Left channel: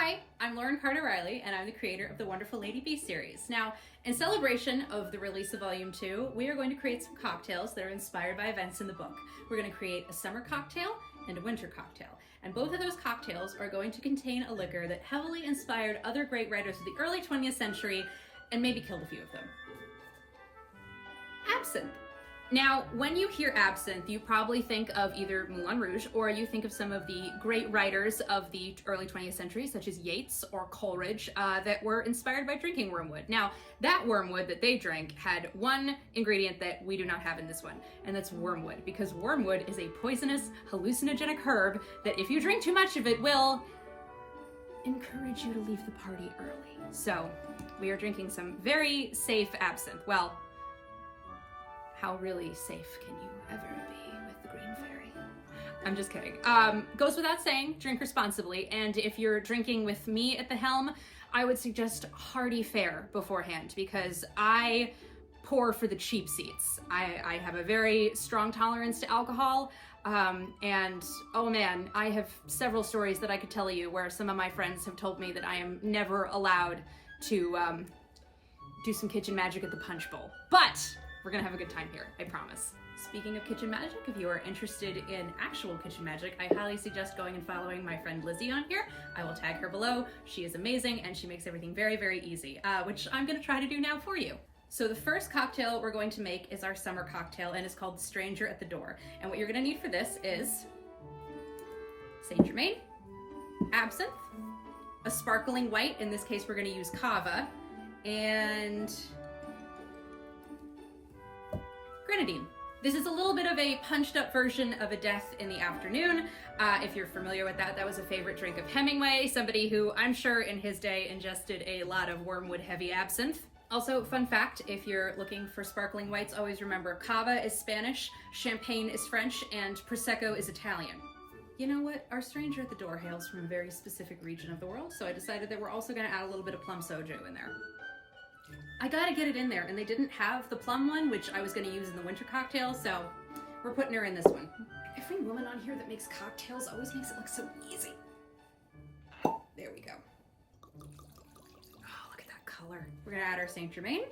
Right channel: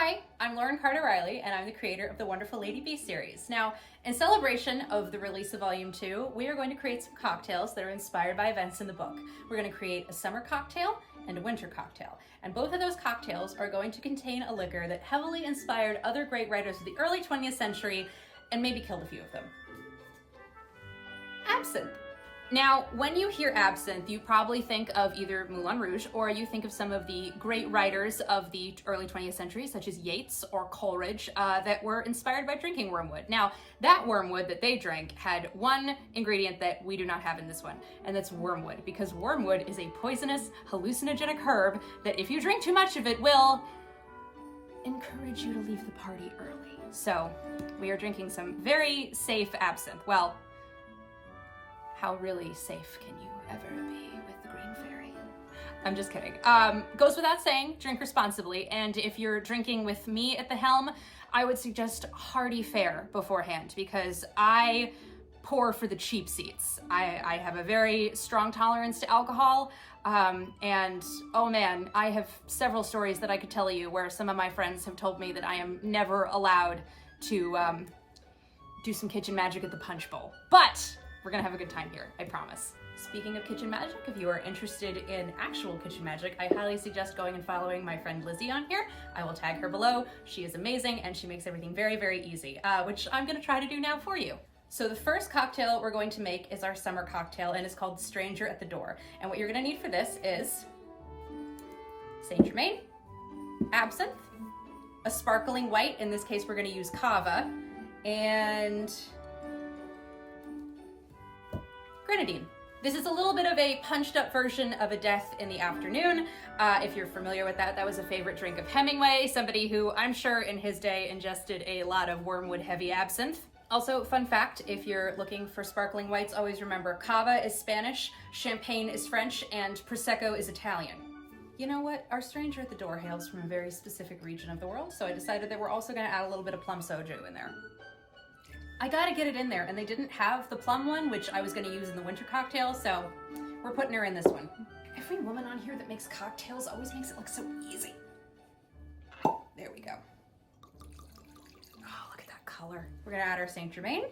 Hi, I'm Lauren Carter Riley, and I'm the creator of the Wonderful Lady B series. Now, in celebration of the release of Volume 2, we are going to create some cocktails that are inspired by events in the book. We're going to create a summer cocktail and a winter cocktail. And both of those cocktails are going to contain a liquor that heavily inspired other great writers of the early 20th century and maybe killed a few of them. Absinthe. Now, when you hear absinthe, you probably think of either Moulin Rouge or you think of some of the great writers of the early 20th century, such as Yeats or Coleridge, that were inspired by drinking wormwood. Now, that wormwood that they drank had one ingredient that we do not have in this one, and that's wormwood, because wormwood is a poisonous, hallucinogenic herb that if you drink too much of it will encourage you to leave the party early. So, we are drinking some very safe absinthe. Well, how really safe can you ever be with the Green Fairy? I'm just kidding. Goes without saying, drink responsibly. And if you're drinking with me at the helm, I would suggest hearty fare beforehand because I pour for the cheap seats. I have a very strong tolerance to alcohol. And oh man, I have several stories that I could tell you where some of my friends have told me that I am never allowed to do some kitchen magic at the punch bowl. But we're gonna have a good time here, I promise. Speaking of kitchen magic, if you are interested in actual kitchen magic, I highly suggest going and following my friend Lizzie on here. I will tag her below. She is amazing and she makes everything very, very easy, which I'm gonna try to do now for you. So the first cocktail we're going to make is our summer cocktail and it's called Stranger at the Door. And what you're gonna need for this is Saint Germain, absinthe, a sparkling white, in this case we're gonna use Cava, and grenadine. This is a little bit of a punched up version of A Death in the Afternoon. If you're familiar with that, that was a favorite drink of Hemingway, somebody who I'm sure in his day ingested a lot of wormwood heavy absinthe. Also, fun fact, if you're looking for sparkling whites, always remember Cava is Spanish, Champagne is French, and Prosecco is Italian. You know what? Our Stranger at the Door hails from a very specific region of the world, so I decided that we're also gonna add a little bit of plum soju in there. I gotta get it in there, and they didn't have the plum one, which I was gonna use in the winter cocktail, so we're putting her in this one. Every woman on here that makes cocktails always makes it look so easy. There we go. Oh, look at that color. We're gonna add our Saint Germain.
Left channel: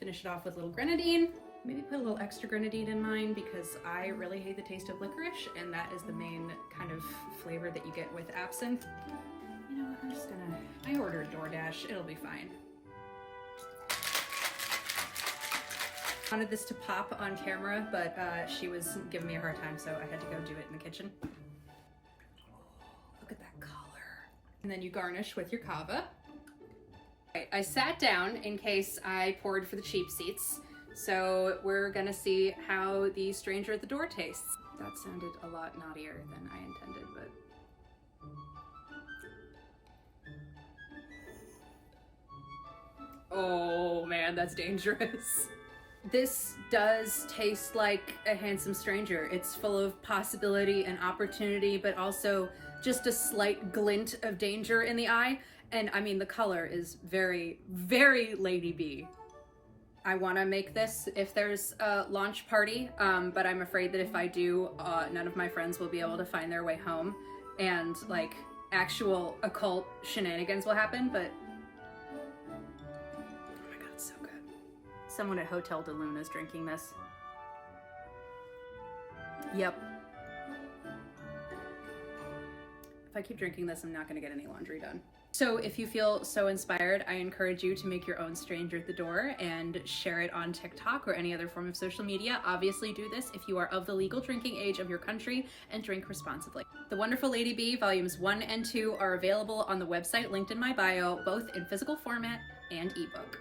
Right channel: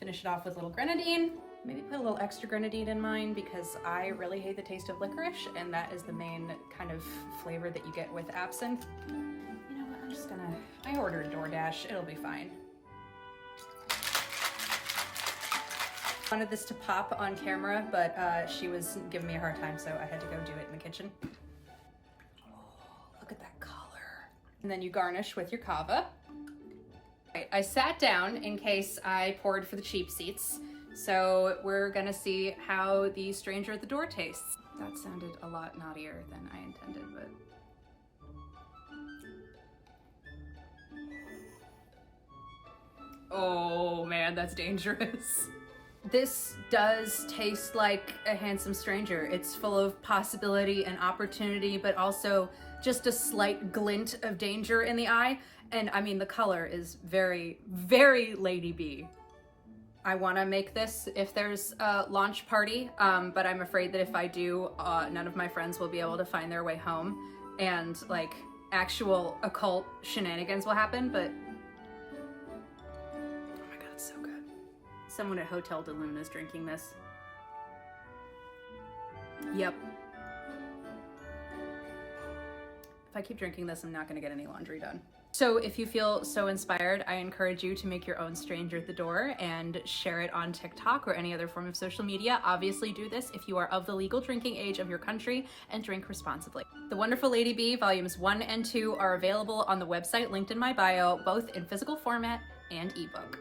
Finish it off with a little grenadine. Maybe put a little extra grenadine in mine because I really hate the taste of licorice, and that is the main kind of flavor that you get with absinthe. You know what, I ordered DoorDash, it'll be fine. I wanted this to pop on camera, but she was giving me a hard time, so I had to go do it in the kitchen. Oh, look at that color. And then you garnish with your Cava. Right, I sat down in case I poured for the cheap seats, so we're gonna see how the Stranger at the Door tastes. That sounded a lot naughtier than I intended, but oh man, that's dangerous. This does taste like a handsome stranger. It's full of possibility and opportunity, but also just a slight glint of danger in the eye. And I mean, the color is very, very Lady B. I want to make this if there's a launch party, but I'm afraid that if I do, none of my friends will be able to find their way home and like actual occult shenanigans will happen, but so good. Someone at Hotel de Luna is drinking this. Yep. If I keep drinking this, I'm not gonna get any laundry done. So if you feel so inspired, I encourage you to make your own Stranger at the Door and share it on TikTok or any other form of social media. Obviously do this if you are of the legal drinking age of your country and drink responsibly. The Wonderful Lady B volumes 1 and 2 are available on the website linked in my bio, both in physical format and ebook.